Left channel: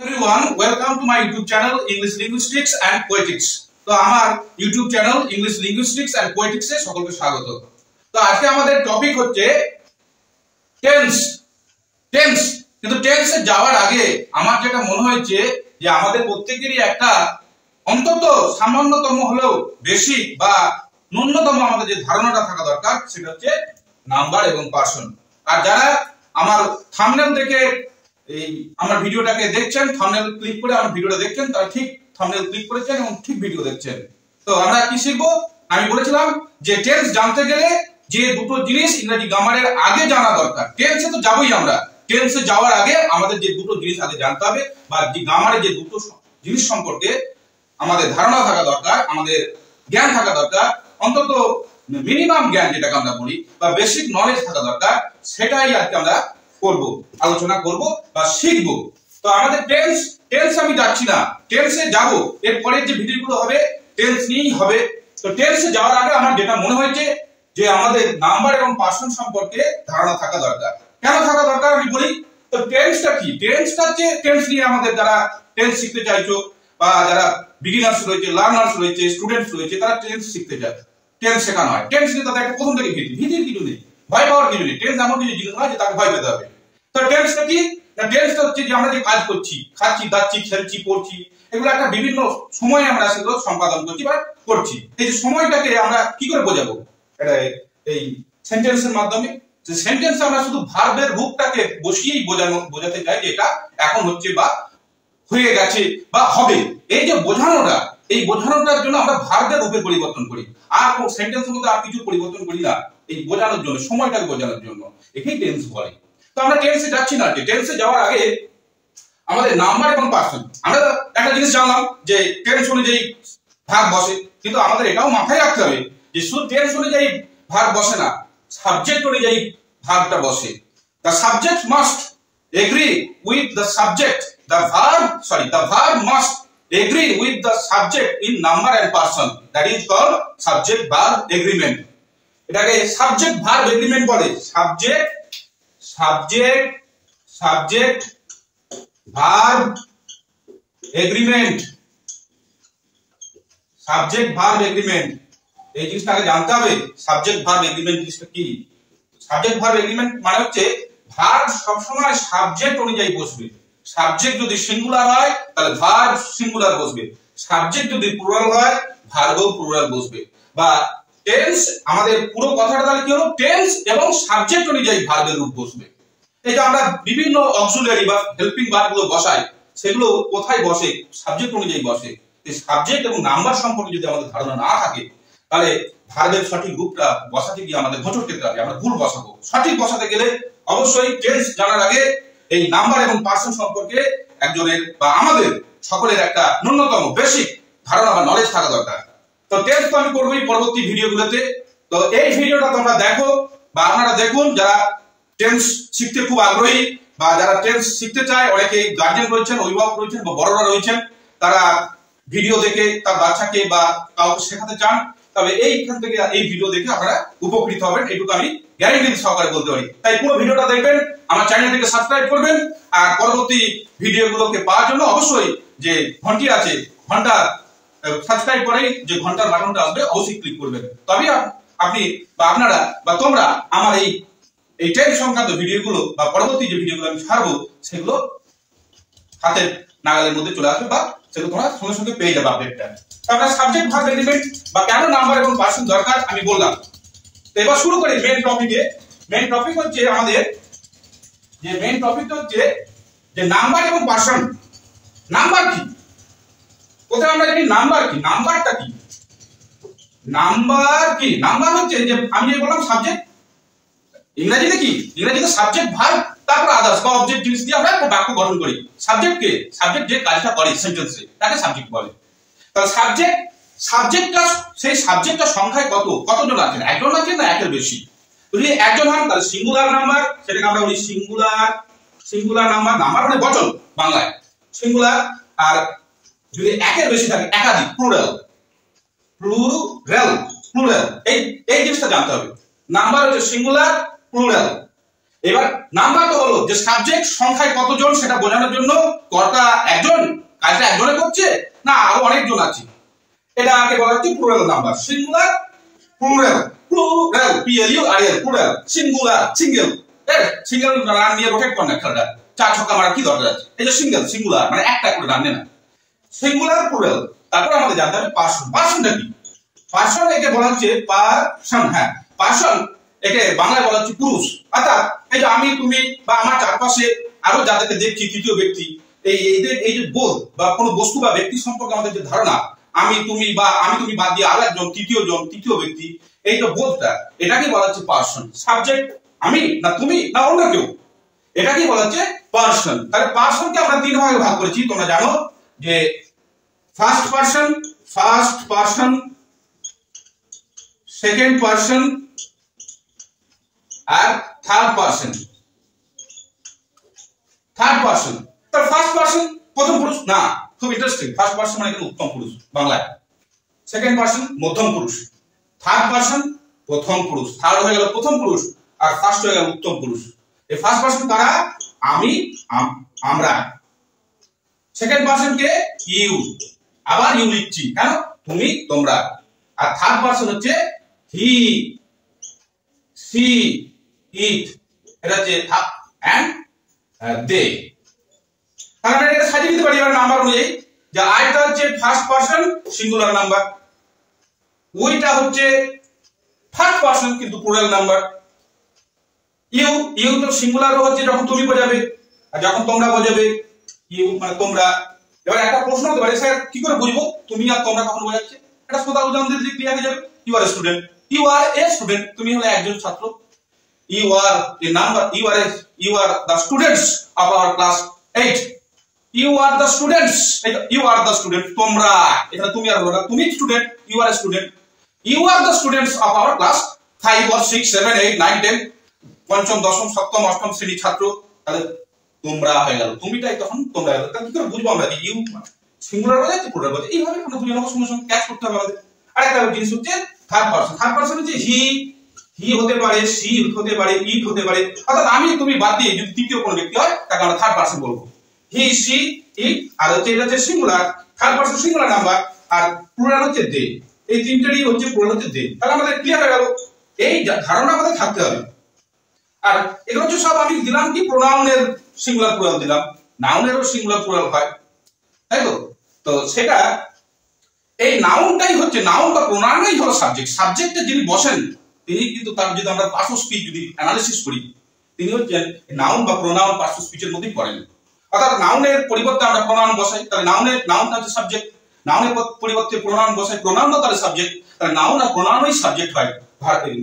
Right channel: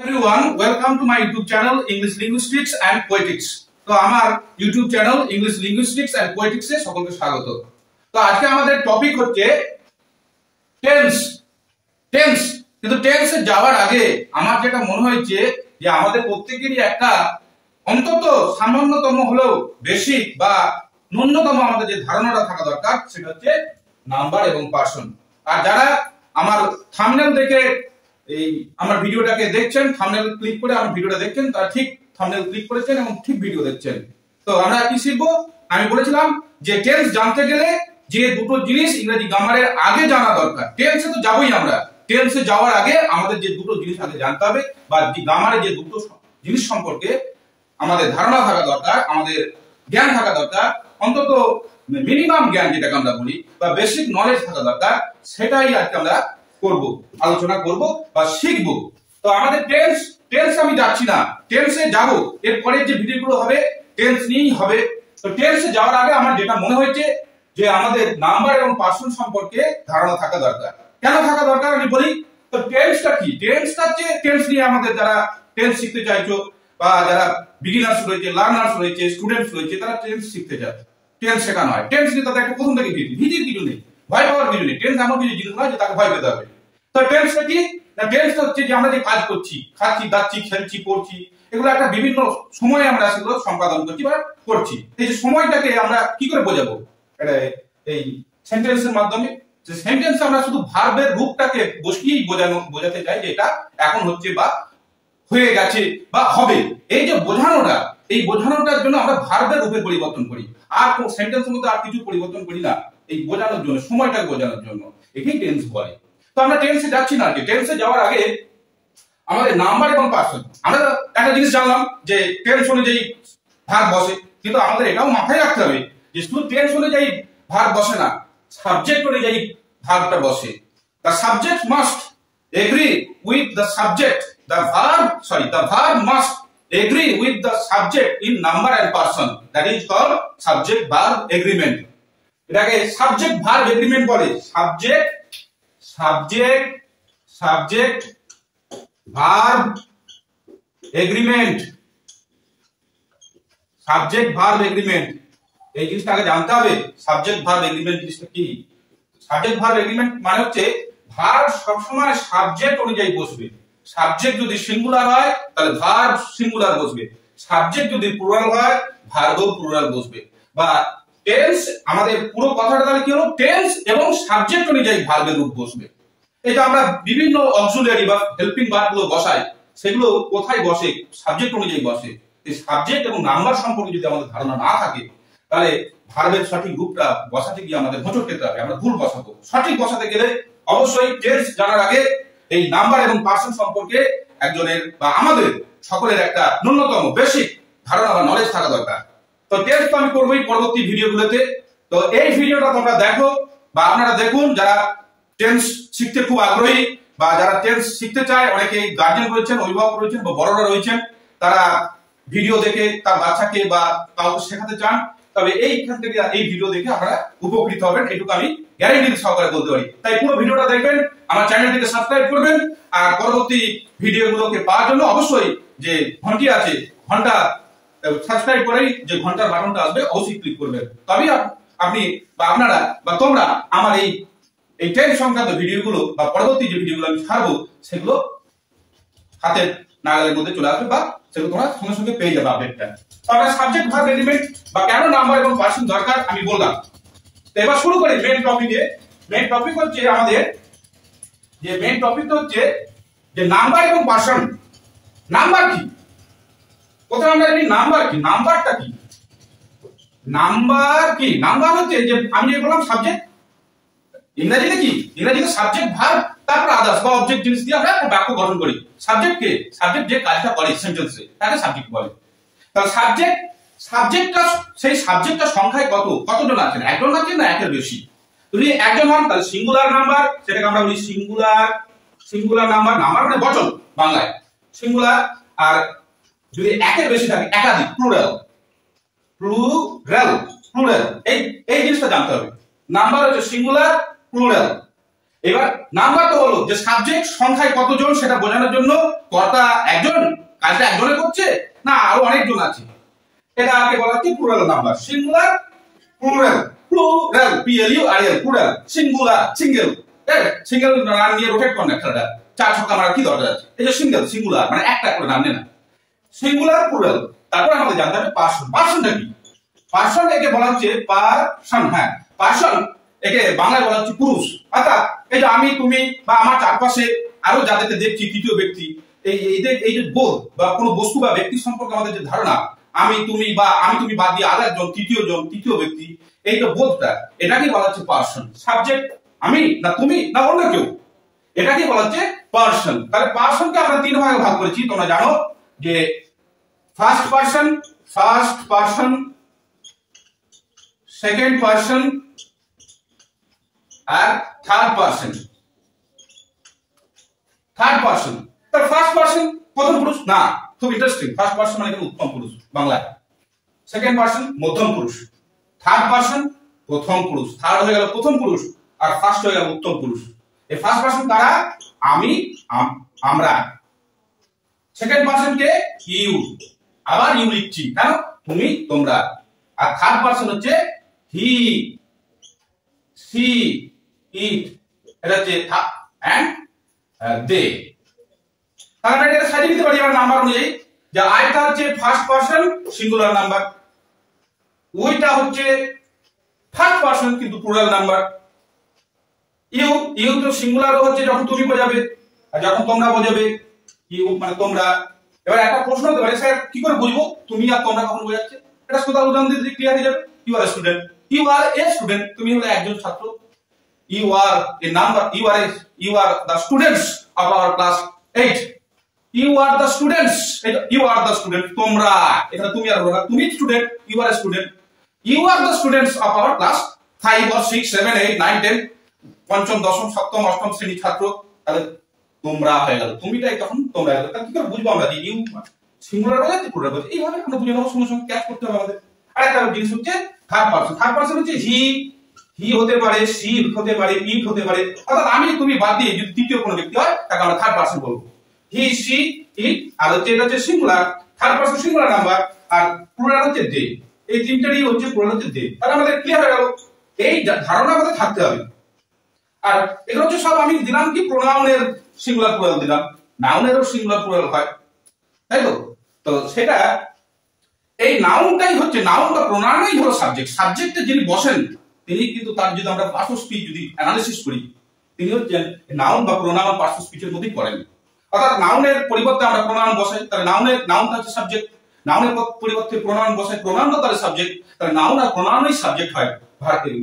Everyone, welcome to my YouTube channel English Linguistics and Poetics. তো আমার YouTube channel English Linguistics and Poetics এ সকলকে স্বাগত। তো আজকে আমাদের টপিক হচ্ছে টেন্স। কিন্তু টেন্সে যাওয়ার আগে আমার যেটা মনে হয়েছে যে আমাদের প্রত্যেকেরই একটা অন্তত সামান্যতম হলেও বেসিক বা ন্যূনতম আমাদের যে ধারণাটা থাকা দরকার সেটা হচ্ছে নাম্বার এবং পার্সন। আর যারা আমার থাম্বনেল দেখে এই আমার ভিডিওটাকে দেখছেন, থাম্বনেল ক্লিক করে আমার ভিডিওটা দেখছেন, তারা ঠিক থাম্বনেল ক্লিক করেছেন এবং ঠিক ভিডিও দেখছেন। তো আমরা কি শিখবো? আমি বলেছিলাম যে টেন্স জানতে গেলে যে দুটো জিনিস ইংরেজি গ্রামারের আগে জানা দরকার। টেন্সে তো যাবোই আমরা, টেন্সে যাওয়ার আগে আমাদের যে দুটো জিনিস আগে জানতে হবে বা গ্রামারে যে দুটো জিনিস সম্পর্কে আমাদের ধারণা থাকা দরকার, আমাদের জ্ঞান থাকা দরকার, অন্তত মিনিমাম জ্ঞান যেটাকে আমরা বলি বা বেসিক নলেজ থাকা দরকার, সেটাই আজকে আমরা করব, আলোচনা করব বা শিখব। তো আমাদের টেন্স আমি যাচ্ছি না, টেন্সে যাব, এর পরের যে ভিডিওগুলো হবে টেন্স নিয়েই হবে। তো টেন্সে যাওয়ার আগে আমার যেটা মনে হয়েছে যে আমাদের নাম্বার এবং পার্সন সম্পর্কে ধারণা থাকা দরকার। কেন থাকা দরকার আমি বলি। তো টেন্সটা কি? টেন্সটা হচ্ছে টেন্স নিয়ে আমাদের যারা টেন্স শিখতে চাইছো বা যারা বিগিনার্স রয়েছে, লার্নার্স রয়েছে, স্টুডেন্টস রয়েছে, তারা টেন্স শিখতে চায়। টেন্স শেখানো হয়, টেন্স নিয়ে তাদের একটা প্রথম থেকে ভীতির কিছু নেই, ভয় পাওয়ার কিছু নেই। টেন্স এমন কিছু জিনিস নয় যে তাকে ভয় পেতে হবে। তো টেন্সটা কি? না, টেন্সটা হচ্ছে যে আমরা যে কাজ করছি, খাচ্ছি, দাচ্ছি, খেলছি, পড়ছি, এগুলো একটা বিভিন্ন সময়ে আমরা সেগুলো সম্পাদন করছি বা করছি। এই যে সময়টাকে আমরা কি করে বোঝাবো? এটা এই সেন্টেন্সের মাধ্যমে। যে সেন্টেন্সে আমরা শুধু ভার্বের রূপটাকে বসিয়েই বোঝাতে চাই যে এটা এখন হচ্ছে বা হয়ে গেছে বা হবে। এই যে বোঝানোটা, এই বোঝানোটার জন্য আমরা ভার্বের রূপে পরিবর্তন করি, আর কোন সেন্টেন্সের মধ্যে আর কিছু পরিবর্তন করি না। এই বোঝানোর জন্য, সময়টাকে বোঝানোর জন্য একেই টেন্স বলে। তো আমরা টেন্সে যাচ্ছি না, টেন্সে যাওয়ার আগে আমাদের নাম্বার এবং পার্সন, আমরা একটা জিনিস জানলাম যে টেন্স অনুযায়ী ভার্ব বসে, কিন্তু আমাদের এটাও মাথায় রাখতে হবে যে শুধু টেন্স অনুযায়ী ভার্ব বসে না, সাবজেক্ট অনুযায়ী ভার্বটা বসে। The subject must agree with the subject. The verb must agree with the subject in number and person. That is called subject verb agreement. এটাকে সাবজেক্ট ভার্ব এগ্রিমেন্ট বলে। Subject verb agreement, subject verb agreement, এই জিনিসটা আগে জানতে হবে। Subject verb agreement জিনিসটা কি? Subject verb agreement মানে হচ্ছে ভার্ব সবসময় সাবজেক্ট অনুযায়ী বসবে। সাবজেক্ট যদি সিঙ্গুলার হয় তাহলে ভার্ব সিঙ্গুলার বসবে, সাবজেক্ট যদি প্লুরাল হয় ভার্বও প্লুরাল বসবে। বা টেন্স, আমাদের পুরো কথাটা তাহলে কি হলো? টেন্স এবং সাবজেক্ট অনুযায়ী ভার্বের রূপ বসবে। এই যে আমরা বিভিন্ন অক্সিলিয়ারি বা হেল্পিং ভার্বগুলো বসাই, সেগুলো কোথায় বসে? সাবজেক্ট অনুযায়ী বসে। এই সাবজেক্ট এবং নাম্বার সম্পর্কে যদি আমাদের ধারণা না থাকে তাহলে ভার্বের সঠিক রূপটা বসাতে গিয়ে আমাদের হোঁচট খেতে হবে, আমরা ভুল বসাবো। সঠিক বসাতে গেলে অবশ্যই টেন্স জানার আগে এই নাম্বার এবং পার্সন সম্পর্কে একজনের বা আমাদের সকলের একটা ন্যূনতম বেসিক ধারণা বা নলেজ থাকা দরকার। তো টেন্স তো আমি করবোই পরবর্তী ভিডিওগুলোতে। তো এই ভিডিওটা তোমরা দেখো বা আপনারা দেখুন যারা টেন্স শিখতে খুব আগ্রহী বা যারা টেন্স শিখতে চায়, অনেকে গার্জিয়ান রয়েছেন, অভিভাবক রয়েছেন বা বড়রা রয়েছেন, তারা ভিডিও দেখে তার বাচ্চাকে বা কাউকে শেখাতে চান, তবে এইখান থেকে এই ভিডিও দেখে আপনারা উপকৃত হবেন, এটুকু আমি গ্যারান্টি সহকারে বলতে পারি। তাই পুরো ভিডিওটা দেখবেন, আমার চ্যানেলটিকে সাবস্ক্রাইব করবেন, আর পরবর্তী ভিডিওগুলোকে পাওয়ার জন্য অবশ্যই যে ঘন্টি আছে, ঘন্টা সাবস্ক্রাইব করেই যে ঘন্টার বাটনটা আসবে অবশ্যই ক্লিক করবেন। তবেই আপনি বা আপনারা বা তোমরা আমার এই টেন্স সংক্রান্ত ভিডিওগুলো বা পরবর্তী যে ভিডিওগুলো আমি ছাড়বো সেগুলো হাতের নাগালের মধ্যে চলে আসবে বা সেগুলো তোমরা সঙ্গে সঙ্গে পেয়ে যাবে আপডেটটা। তারপরে সাবজেক্ট ভার্ব এগ্রিমেন্ট বা কেন নাম্বার এবং পার্সন দরকার আমি বললাম। তো এবার শুরু করি মেইন টপিকে। মেইন টপিক হচ্ছে আমাদের যে মেইন টপিক হচ্ছে যে নাম্বার এবং পার্সন। নাম্বার কি? কোথায় আমরা জানি নাম্বার কি? নাম্বারটা কি? নাম্বার কি? নাম্বার হচ্ছে যে আমি যে বললাম সাবজেক্ট, ইংরেজিতে কি? ইংরেজিতে সাবজেক্ট ভার্ব তারপর আদার্স বা অবজেক্ট জিনিস দিয়ে আমরা একটা বাক্য গঠন করি। সাবজেক্ট কে? সাবজেক্ট যে কাজটা করে সেন্টেন্সে তাকে সাবজেক্ট বলে। তাহলে সাবজেক্টটা সেই সাবজেক্টটা সংখ্যায় কতজন আছেন? একজন আছেন না একের বেশি? যদি একজন হন তাহলে সিঙ্গুলার নাম্বার, সেটাকে আমরা বলি সিঙ্গুলার নাম্বার। নাম্বার মানে বচন বাংলায় সিঙ্গুলার। আর যদি একের বেশি থাকে একাধিক, প্লুরাল। এই জিনিসটা জানতে হবে। নাম্বার হচ্ছে সিঙ্গুলার, প্লুরাল। এবার নাম্বার তো হলো যে সাবজেক্ট সংখ্যায় কতজন সেটা বোঝানোর জন্য কর্তা একজন, কাজটা একজনে করছে না আরো অনেকজন আছে, এটাকে বলা হচ্ছে plural number. Singular plural, plural PLURAL plural, singular single, single run নিয়ে রোটেট করে না খেলাটা, 4 ছক্কা মারা কি দরকার আছে, এই যে সিঙ্গেল সিঙ্গুলার মানে একটা করে রান নেয় না, সিঙ্গুলার প্লুরাল। তারপর আমাদের জানতে হবে পার্সন। পার্সনটা কি? পার্সন একে বলা হচ্ছে পার্সন, হ্যাঁ পার্সন একে বাংলায় বলা হচ্ছে পুরুষ। অর্থাৎ এই যে আমি তুমি বা আমার চারপাশে আরো যাদেরকে দেখছি তৃতীয় ব্যক্তি, এই যে বোধ বা কোনো বস্তু বা ব্যক্তি সম্পর্কে আমাদের যে ধারণা, আমি তুমি বা আমি তুমি বাদ দিয়ে আর একজন তৃতীয় ব্যক্তি, এই যে বোধটা, এটাকেই বলা হচ্ছে পার্সন। সাবজেক্ট আমি না তুমি না অন্য কেউ, এটাকেই বলা হচ্ছে পার্সন। তাহলে পার্সনকে আমরা 3 ভাগে ভাগ করেছি, তোমরা জানো যে ফার্স্ট পার্সন, সেকেন্ড পার্সন আর থার্ড পার্সন। তার ফার্স্ট পার্সন প্রথম পুরুষ না, খুব ইন্টারেস্টিং। ফার্স্ট পার্সন মানে উত্তম পুরুষ বাংলায়, সেকেন্ড পার্সন মধ্যম পুরুষ, থার্ড পার্সন প্রথম পুরুষ, থার্ড হয়ে গেল প্রথম পুরুষ আর ফার্স্ট হয়ে গেল উত্তম পুরুষ। এই ফার্স্ট পার্সন কারা? আমি আমরা। Second person K? ইউ, আবার ইউ লিখছি কেন? তুমি তোমরা। আর থার্ড পার্সন হচ্ছে হি, সি, ইট, এটা হচ্ছে এন্ড দে। তাহলে এটা সাজিয়ে দিতে পারি এবার নাম্বার অনুযায়ী, যে আইটা হচ্ছে ফার্স্ট পার্সন সিঙ্গুলার নাম্বার, ওইটা হচ্ছে থার্ড পার্সন কিন্তু প্লুরাল নাম্বার। ইউ তো সিঙ্গুলারও হচ্ছে যখন তুমি বোঝাবে আর যখন তোমরা বোঝাবে, ইউ মানে তোমরা। এবার একটা প্রশ্ন হতে পারে, স্যার কি করে বুঝবো তুমি আর তোমরা কখন বোঝাচ্ছে? এটা সোজা উদাহরণ দিয়ে ক্লিয়ার হয়ে যাবে। You are a student, you are a student, তুমি হলে একজন ছাত্র। You are a number, you are the students of our class 8. You are the students, তোমরা, এখানে তুমি আর বলো না, তুমি student, you are a student. You are the students of our class 5 or 6 7 8 9 10, পঞ্চম দশম সপ্তম অষ্টম শ্রেণীর ছাত্র। তাহলে তোমরা হয়ে গেল, তুমিটাই তখন তোমরা হয়ে গেল। তাহলে কি করে বুঝবো আমরা যে ইউ সিঙ্গুলার বোঝাচ্ছে প্লুরাল বোঝাচ্ছে? এইভাবে আমরা বুঝে নেবো, সঙ্গে সঙ্গে ক্যাচ করতে হবে আমাদের। আরেকটা জিনিস হচ্ছে থার্ড পার্সন হচ্ছে হি হতে পারে, সি হতে পারে, ইট হতে পারে। অর্থাৎ আমি তুমি বাদ দিয়ে যদি তৃতীয় কোনো ব্যক্তি হয় তাকে আমরা থার্ড পার্সন বলবো। হি, সি, ইট, আর হচ্ছে এটা হচ্ছে singular, third person singular number, আর প্লুরাল হচ্ছে দে। এই তিনটারই হচ্ছে প্লুরাল হচ্ছে দে। তাহলে আমাদের ক্লিয়ার হয়ে গেল, এই ধারণা আমাদের থাকতে হবে। আর এগুলো হচ্ছে সব আমি দিলাম কি প্রোনাউনের সিঙ্গুলার প্লুরাল দিলাম, নাউনেরও সিঙ্গুলার প্লুরাল হয়, তাই তো? তো সেটা এই নাউনটাই হচ্ছে, নাউন বা প্রোনাউনই হলো সাবজেক্ট। সাবজেক্টে যিনি বসেন তিনি কিন্তু তার যদি আমরা পার্টস অফ স্পিচ যদি অ্যানালিসিস করি, তিনি হচ্ছেন নাউন বা প্রোনাউন পার্টস অফ স্পিচের মধ্যেই পড়েন। অর্থাৎ নাউনের পরিবর্তে আমরা প্রোনাউন বসাই, তাহলে নাউনটা হচ্ছে সাবজেক্ট, নাউনের পরিবর্তে প্রোনাউন বসাই, প্রোনাউনটা তাহলে সাবজেক্ট, তাহলে নাউন আর প্রোনাউনই সাবজেক্ট হয়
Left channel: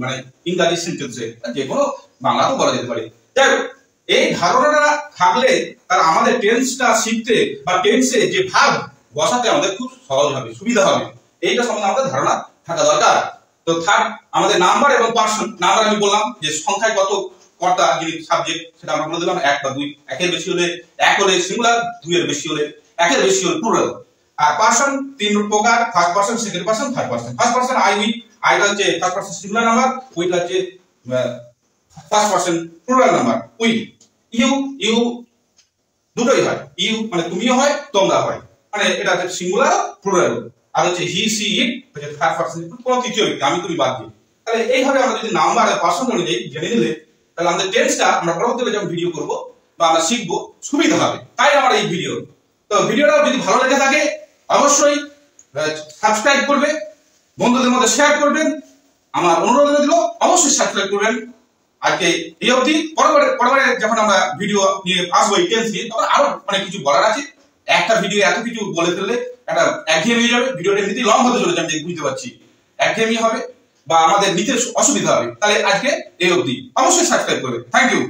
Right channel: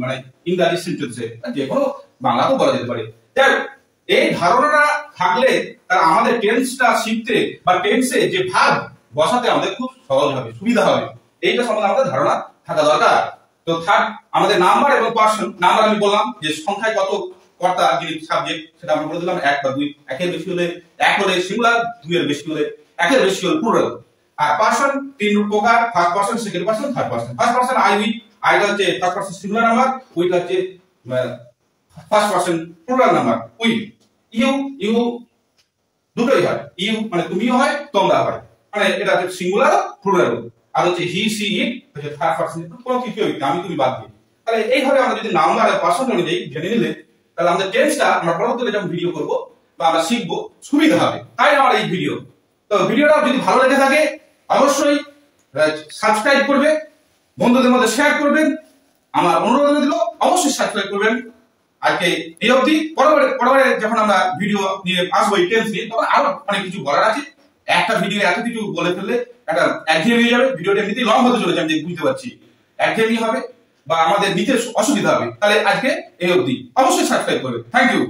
মানে ইংরেজি সেন্টেন্সে, যে কোনো বাংলাতেও বলা যেতে পারে। যাই হোক, এই ধারণাটা থাকলে তার আমাদের টেন্সটা শিখতে বা টেন্সে যে ভার্ব বসাতে আমাদের খুব সহজ হবে, সুবিধা হবে। এইটা সম্বন্ধে আমাদের ধারণা থাকা দরকার। তো থার্ড আমাদের নাম্বার এবং পার্সন। নাম্বার আমি বললাম যে সংখ্যায় কত কর্তা যিনি সাবজেক্ট, সেটা আমরা বলে দিলাম 1 বা 2, 1-এর বেশি হলে 1 হলে সিঙ্গুলার, 2-এর বেশি হলে 1-এর বেশি হলে প্লুরাল। আর পার্সন 3 প্রকার, first person, second person, third person. First person I, we, আইটা হচ্ছে ফার্স্ট পার্সন সিঙ্গুলার নাম্বার, উইটা হচ্ছে first person plural number. We, you দুটোই হয়, ইউ মানে তুমিও হয় তোমরা হয়, মানে এটা হচ্ছে সিঙ্গুলার প্লুরাল। আর হচ্ছে হি, সি, ইট হচ্ছে থার্ড পার্সন, কোনো তৃতীয় ব্যক্তি, আমি তুমি বাদ দিয়ে। তাহলে এইভাবে আমরা যদি নাম্বার আর পার্সন অনুযায়ী জেনে নিলে, তাহলে আমাদের টেন্সটা আমরা পরবর্তীতে যখন ভিডিও করব বা আমরা শিখবো সুবিধা হবে। তাই আমার এই ভিডিও। তো ভিডিওটা যদি ভালো লেগে থাকে অবশ্যই সাবস্ক্রাইব করবে, বন্ধুদের মধ্যে শেয়ার করবেন, আমার অনুরোধ দিল অবশ্যই সাবস্ক্রাইব করবেন। আজকে এই অবধি, পরবর্তী যখন আমরা ভিডিও নিয়ে আসবো এই টেন্স নিয়ে, তখন আরো অনেক কিছু বলার আছে। একটা ভিডিও এত কিছু বলে ফেললে একটা একঘেয়েমি হয়ে যাবে, ভিডিওটা এমনিতেই লং হতে চলেছে, আমি বুঝতে পারছি, একঘেয়েমি হবে বা আমাদের নিতে অসুবিধা হবে। তাহলে আজকে এই অবধি, অবশ্যই সাবস্ক্রাইব করবে। Thank you.